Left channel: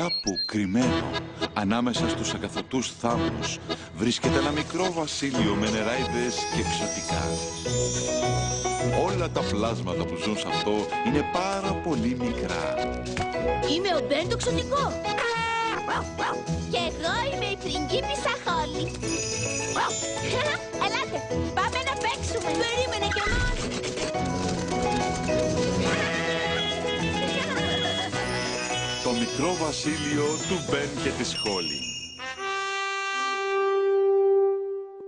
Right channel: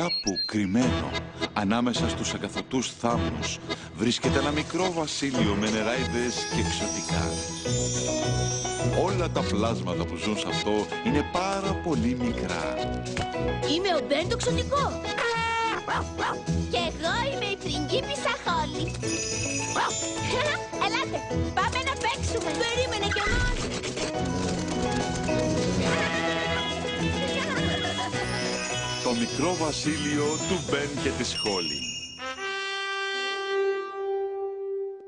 Κάπου κρυμμένο, ανάμεσα στους ακαθωτούς θάμνους, βρίσκεται ένα μικρό βασίλειο με νεράιδες και εξωτικά. Όλα τα πλάσματα που ζουν σε αυτό είναι πάρα πολύ μικρά. Είμαι ο Μπεν το εξωτικό. Και εγώ είμαι η πριγκίπισσα Χόλι. Ελάτε, πάμε να παίξουμε. Περίμενε κι εμείς. Το μικρό βασίλειο του Μπεν και της Χόλι.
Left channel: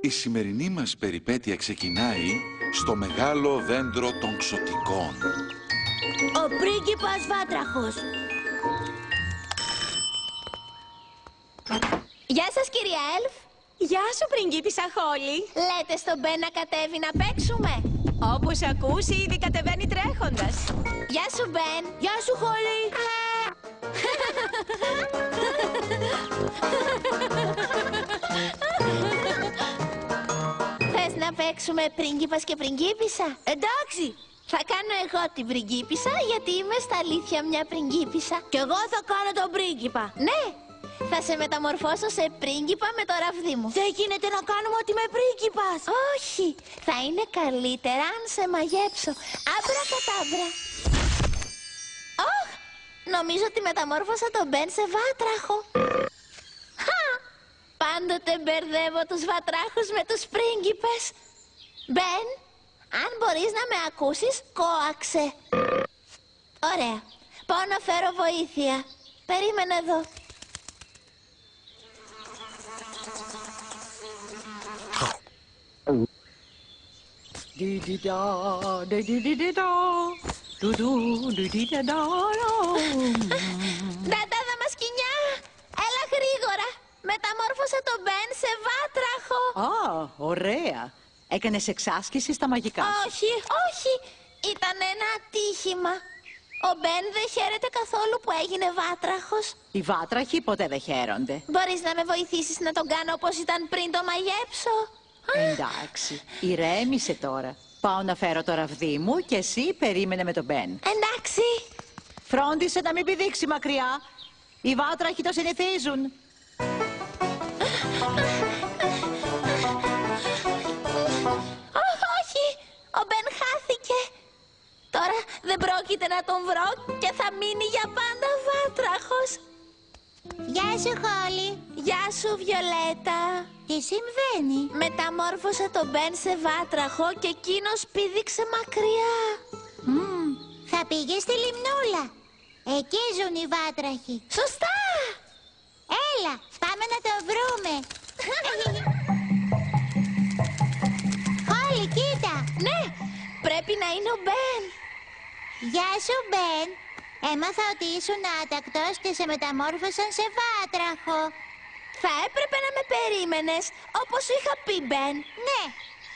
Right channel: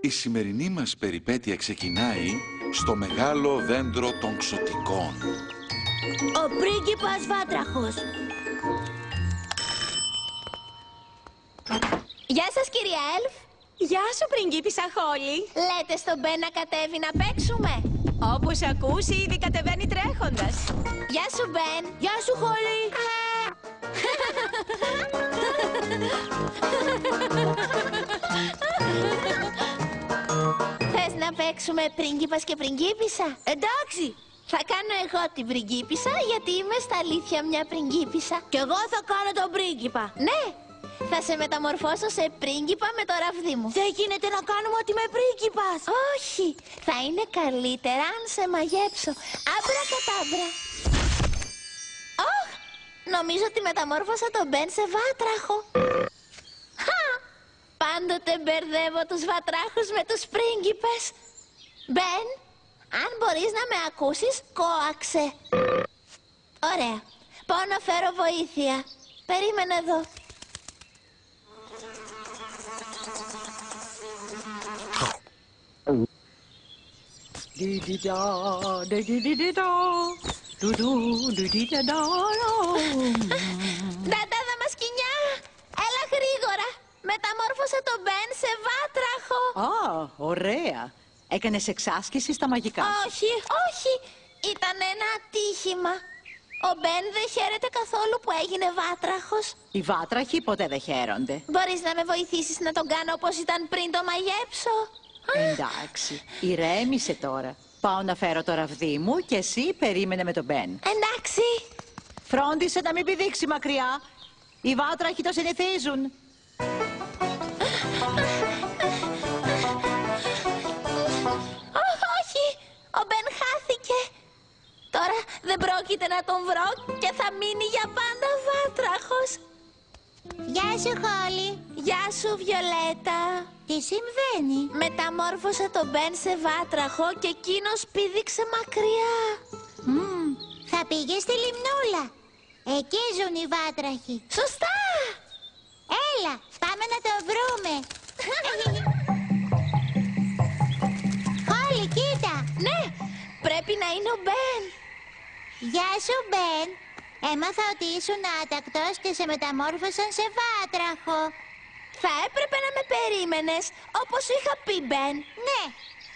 Η σημερινή μας περιπέτεια ξεκινάει στο μεγάλο δέντρο των ξωτικών. Ο πρίγκιπας Βάτραχος. Γεια σας κυρία Έλφ. Γεια σου πριγκίπισσα Χόλι. Λέτε στον Μπεν να κατέβει να παίξουμε. Όπως ακούς ήδη κατεβαίνει τρέχοντας. Γεια σου Μπεν. Γεια σου Χόλι. Θες να παίξουμε πρίγκιπας και πριγκίπισσα? Εντάξει. Θα κάνω εγώ την πριγκίπισσα γιατί είμαι στα αλήθεια μια πριγκίπισσα. Κι εγώ θα κάνω τον πρίγκιπα. Ναι. Θα σε μεταμορφώσω σε πρίγκιπα με το ραβδί μου. Δεν γίνεται να κάνουμε ότι είμαι πρίγκιπας. Όχι. Θα είναι καλύτερα αν σε μαγέψω. Άμπρα κατάμπρα. Νομίζω ότι μεταμόρφωσα τον Μπεν σε βάτραχο. Πάντοτε μπερδεύω τους βατράχους με τους πρίγκιπες. Μπεν, αν μπορείς να με ακούσεις, κόαξε. Ωραία. Πάω να φέρω βοήθεια. Περίμενε εδώ. Νταντάδα μασκινιά, έλα γρήγορα. Μεταμόρφωσα τον Μπεν σε βάτραχο. Ωραία. Έκανες εξάσκηση στα μαγικά σου. Όχι, όχι. Ήταν ένα ατύχημα. Ο Μπεν δεν χαίρεται καθόλου που έγινε βάτραχος. Οι βάτραχοι ποτέ δεν χαίρονται. Μπορείς να με βοηθήσεις να τον κάνω όπως ήταν πριν το μαγέψω? Εντάξει, ηρέμησε τώρα. Πάω να φέρω το ραβδί μου και εσύ περίμενε με τον Μπεν. Εντάξει. Φρόντισε να μην πηδήξει μακριά. Οι βάτραχοι το συνηθίζουν. Όχι, ο Μπεν χάθηκε. Τώρα δεν πρόκειται να τον βρω και θα μείνει για πάντα βάτραχος. Γεια σου Χόλι. Γεια σου Βιολέτα. Τι συμβαίνει? Μεταμόρφωσα τον Μπεν σε βάτραχο και εκείνος πήδηξε μακριά. Θα πήγε στη λιμνούλα. Εκεί ζουν οι βάτραχοι. Σωστά. Έλα, πάμε να το βρούμε. Χόλι, κοίτα. Ναι, πρέπει να είναι ο Μπεν. Γεια σου Μπεν. Έμαθα ότι ήσουν άτακτος και σε μεταμόρφωσαν σε βάτραχο. Θα έπρεπε να με περίμενες, όπως είχα πει Μπεν. Ναι,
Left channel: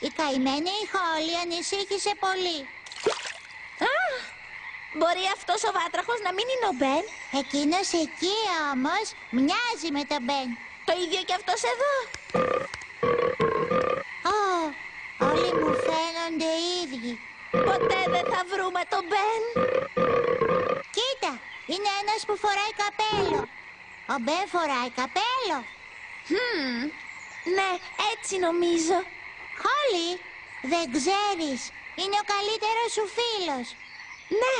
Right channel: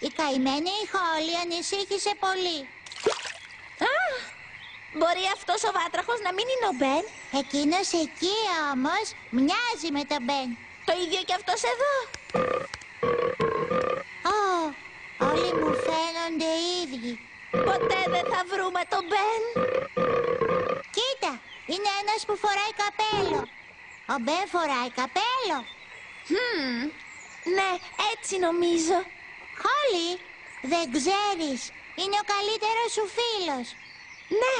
η καημένη η Χόλι ανησύχησε πολύ. Μπορεί αυτός ο βάτραχος να μην είναι ο Μπεν? Εκείνος εκεί όμως μοιάζει με τον Μπεν. Το ίδιο και αυτός εδώ. Όλοι μου φαίνονται ίδιοι. Ποτέ δεν θα βρούμε τον Μπεν. Κοίτα, είναι ένας που φοράει καπέλο. Ο Μπεν φοράει καπέλο. Ναι, έτσι νομίζω. Χόλι, δεν ξέρεις. Είναι ο καλύτερος σου φίλος. Ναι,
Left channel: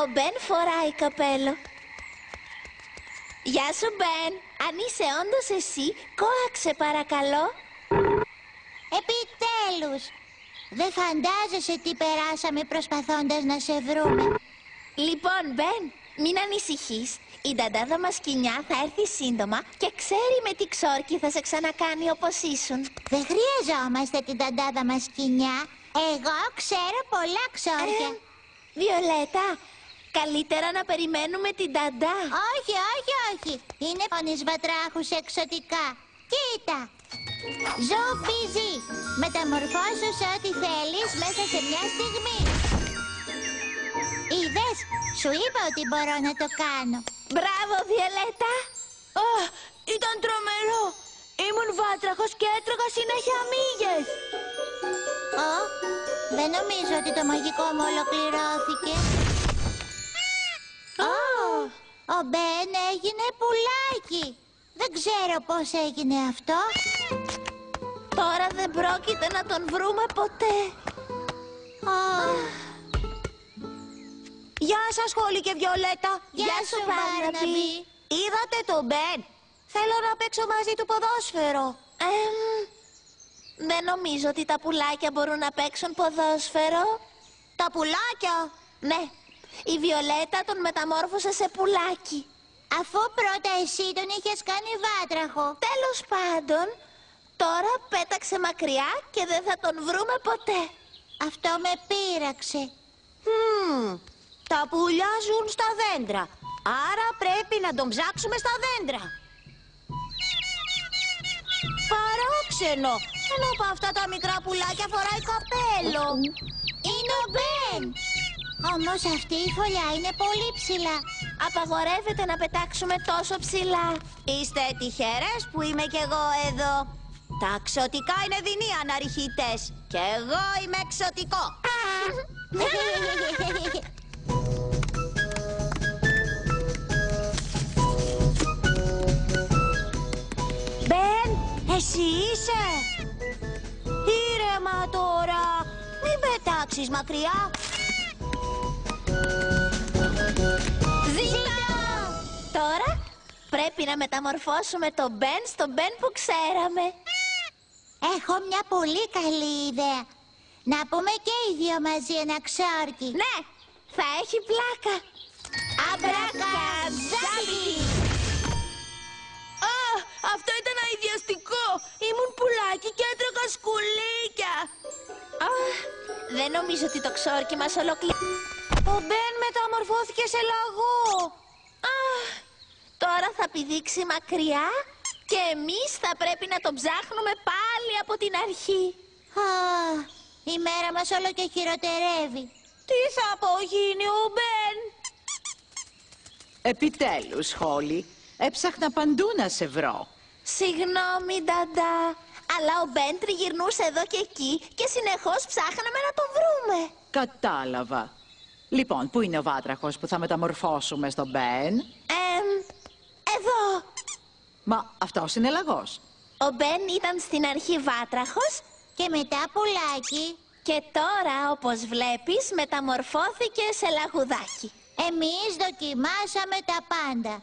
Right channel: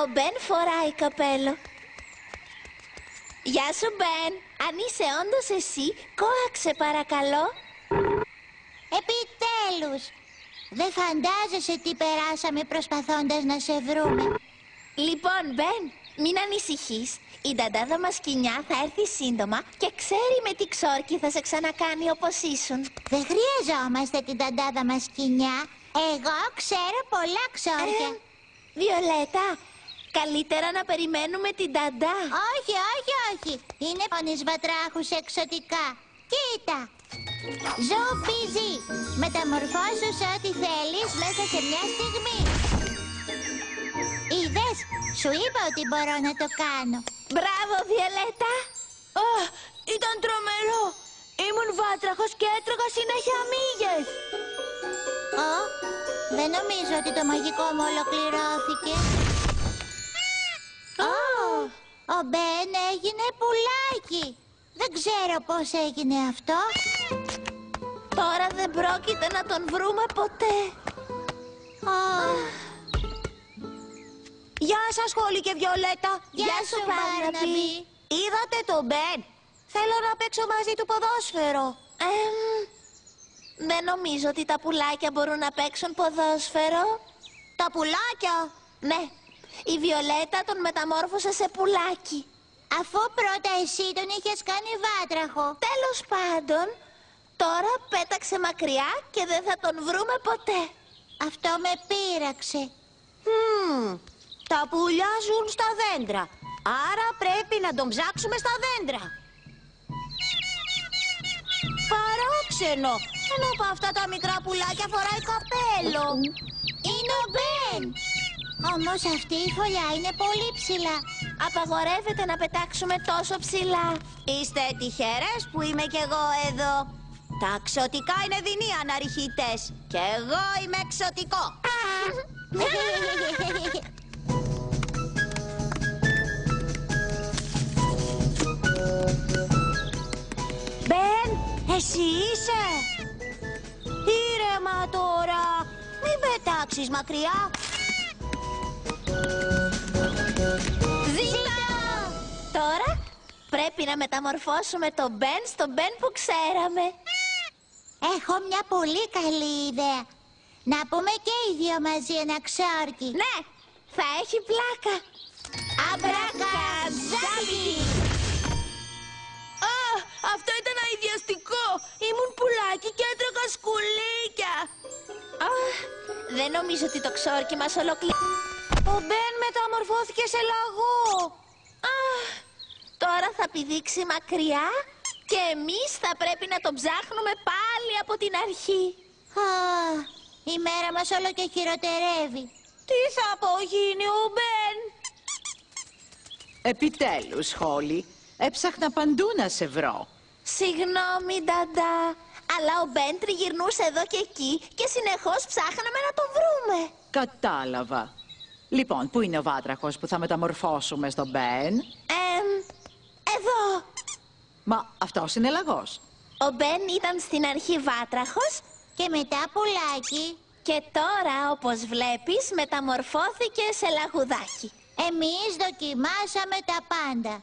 ο Μπεν φοράει καπέλο. Γεια σου Μπεν. Αν είσαι όντως εσύ, κόαξε παρακαλώ. Επιτέλους. Δεν φαντάζεσαι τι περάσαμε προσπαθώντας να σε βρούμε. Λοιπόν Μπεν, μην ανησυχείς. Η νταντάδα μασκινιά θα έρθει σύντομα και ξέρει με τι ξόρκι θα σε ξανακάνει όπως ήσουν. Δεν χρειαζόμαστε την νταντάδα μασκινιά. Εγώ ξέρω πολλά ξόρκια. Βιολέτα, καλύτερα να περιμένουμε την νταντά. Όχι, όχι, όχι. Είναι μόνης βατράχους εξωτικά. Κοίτα. Ζουφιζί. Μεταμορφώσου σε ό,τι θέλεις μέσα σε μια στιγμή. Είδες, σου είπα ότι μπορώ να το κάνω. Μπράβο, Βιολέτα. Ήταν τρομερό. Ήμουν βάτραχος και έτρωγα συνέχεια μύγες. Δεν νομίζω ότι το μαγικό μου ολοκληρώθηκε. Ο Ο Μπεν έγινε πουλάκι. Δεν ξέρω πώς έγινε αυτό. Τώρα δεν πρόκειται να τον βρούμε ποτέ. Γεια σας, Χόλι και Βιολέτα. Γεια σου, Μπάρναμπι. Είδατε τον Μπεν? Θέλω να παίξω μαζί του ποδόσφαιρο. Δεν νομίζω ότι τα πουλάκια μπορούν να παίξουν ποδόσφαιρο. Τα πουλάκια? Ναι. Η Βιολέτα τον μεταμόρφωσε σε πουλάκι. Αφού πρώτα εσύ τον είχες κάνει βάτραχο. Τέλος πάντων, τώρα πέταξε μακριά και δεν θα τον βρούμε ποτέ. Αυτό με πείραξε. Τα πουλιά ζουν στα δέντρα. Άρα πρέπει να τον ψάξουμε στα δέντρα. Παράξενο. Ένα από αυτά τα μικρά πουλάκια φοράει καπέλο. Είναι ο Μπεν. Όμως αυτή η φωλιά είναι πολύ ψηλά. Απαγορεύεται να πετάξουμε τόσο ψηλά. Είστε τυχερές που είμαι κι εγώ εδώ. Τα ξωτικά είναι δεινοί αναρριχητές. Κι εγώ είμαι εξωτικό. Μπεν, εσύ είσαι? Ήρεμα τώρα. Μην πετάξεις μακριά. Ζήτα! Τώρα πρέπει να μεταμορφώσουμε τον Μπεν στον Μπεν που ξέραμε. Έχω μια πολύ καλή ιδέα. Να πούμε και οι δύο μαζί ένα ξόρκι. Ναι, θα έχει πλάκα. Αμπρακατζάμπι! Αυτό ήταν αηδιαστικό. Ήμουν πουλάκι και έτρεχα σκουλίκια. Δεν νομίζω ότι το ξόρκι μας ολοκληρώνει. Ο Μπεν μεταμορφώθηκε σε λαγό. Τώρα θα πηδήξει μακριά και εμείς θα πρέπει να τον ψάχνουμε πάλι από την αρχή. Η μέρα μας όλο και χειροτερεύει. Τι θα απογίνει ο Μπεν? Επιτέλους, Χόλι, έψαχνα παντού να σε βρω. Συγγνώμη, Νταντά, αλλά ο Μπεν τριγυρνούσε εδώ και εκεί και συνεχώς ψάχναμε να τον βρούμε. Κατάλαβα. Λοιπόν, πού είναι ο βάτραχος που θα μεταμορφώσουμε στον Μπεν? Εδώ. Μα αυτός είναι λαγός. Ο Μπεν ήταν στην αρχή βάτραχος Και μετά πουλάκι. και τώρα, όπως βλέπεις, μεταμορφώθηκε σε λαγουδάκι. Εμείς δοκιμάσαμε τα πάντα.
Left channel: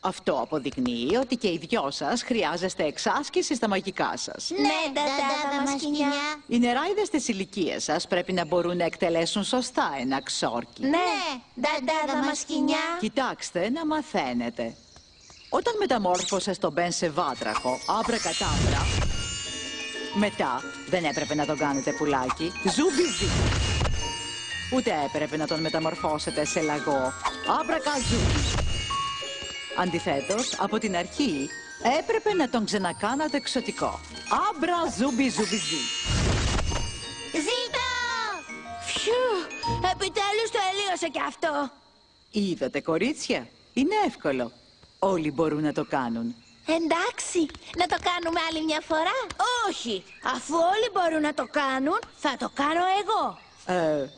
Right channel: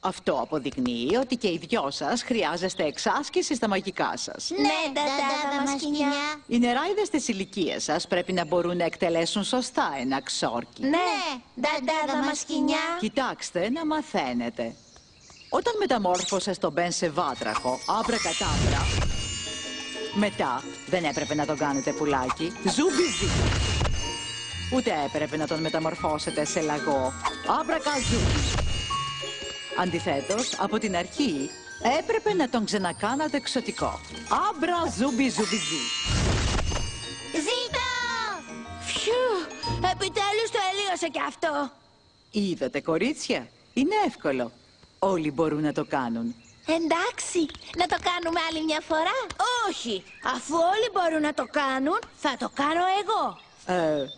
Αυτό αποδεικνύει ότι και οι δυο σας χρειάζεστε εξάσκηση στα μαγικά σας. Ναι, Νταντάδα Μασκινιά. Οι νεράιδες της ηλικίας σας πρέπει να μπορούν να εκτελέσουν σωστά ένα ξόρκι. Ναι, Νταντάδα Μασκινιά. Κοιτάξτε να μαθαίνετε. Όταν μεταμόρφωσες τον Μπεν σε βάτραχο, άμπρακατάμπρα, μετά δεν έπρεπε να τον κάνετε πουλάκι, ζουμπιζί. Ούτε έπρεπε να τον μεταμορφώσετε σε λαγό, άμπρακαζούμπι. Αντιθέτως, από την αρχή έπρεπε να τον ξανακάνατε εξωτικό. Άμπρα ζούμπι ζουμπιζί. Ζήτα! Φιου, επιτέλους τελείωσε κι αυτό. Είδατε, κορίτσια, είναι εύκολο. Όλοι μπορούν να το κάνουν. Εντάξει, να το κάνουμε άλλη μια φορά? Όχι, αφού όλοι μπορούν να το κάνουν, θα το κάνω εγώ.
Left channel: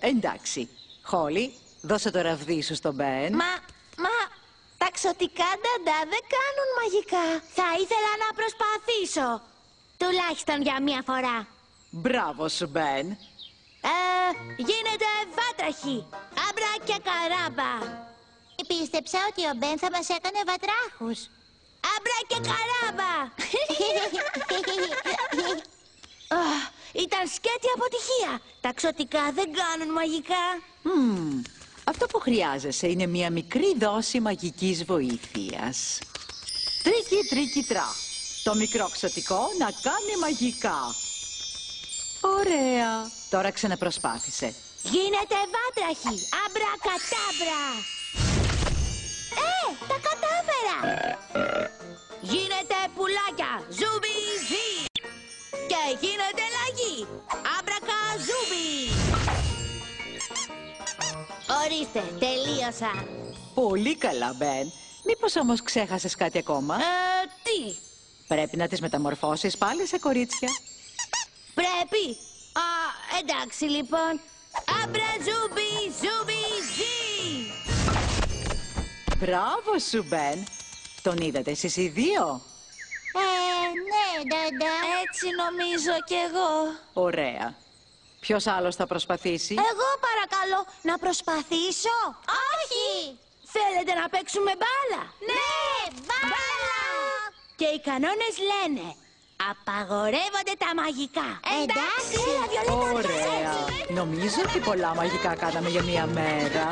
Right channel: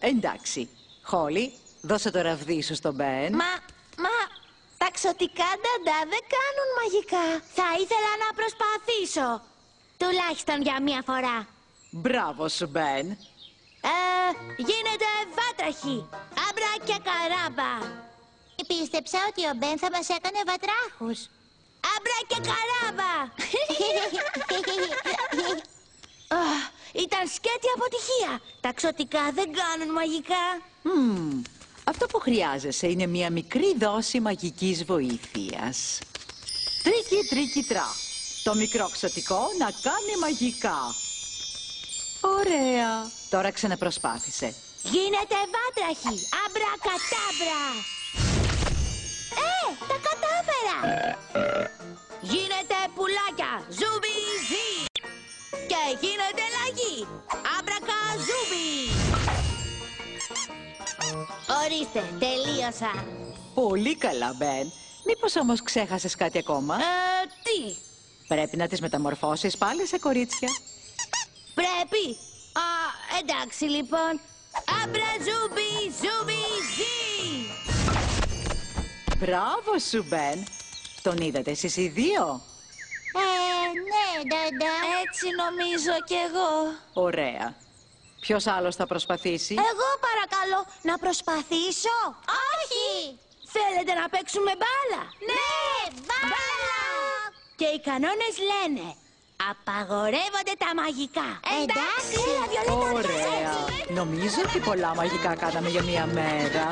Εντάξει. Χόλι, δώσε το ραβδί σου στον Μπεν. Μα, τα ξωτικά Νταντά δεν κάνουν μαγικά. Θα ήθελα να προσπαθήσω. Τουλάχιστον για μια φορά. Μπράβο σου, Μπεν. Γίνεται βάτραχη. Άμπρα και καράμπα. Πίστεψα ότι ο Μπεν θα μας έκανε βατράχους. Άμπρα και καράμπα. Ήταν σκέτη αποτυχία. Τα ξωτικά δεν κάνουν μαγικά. Αυτό που χρειάζεσαι είναι μια μικρή δόση μαγικής βοήθειας. Τρίκι, τρίκι, τρά. Το μικρό ξωτικό να κάνει μαγικά. Ωραία. Τώρα ξαναπροσπάθησε. Γίνεται βάτραχη. Άμπρα κατάμπρα. Τα κατάφερα. Γίνεται πουλάκια. Ζουμπιζί. Και γίνεται λαγί. Άμπρακα ζούμπι. Ορίστε, τελείωσα. Πολύ καλά, Μπεν. Μήπως όμως ξέχασες κάτι ακόμα? Τι? Πρέπει να τις μεταμορφώσεις πάλι σε κορίτσια. Πρέπει. Εντάξει λοιπόν. Άμπρα ζούμπι, ζούμπι, ζι. Μπράβο σου, Μπεν. Τον είδατε εσείς οι δύο? Ναι, Ντάντα. Έτσι νομίζω κι εγώ. Ωραία. Ποιος άλλος θα προσπαθήσει? Εγώ παρακαλώ να προσπαθήσω. Όχι! Θέλετε να παίξουμε μπάλα? Ναι, μπάλα! Και οι κανόνες λένε απαγορεύονται τα μαγικά. Εντάξει. Ωραία. Νομίζω ότι πολλά μαγικά κάναμε για μία μέρα.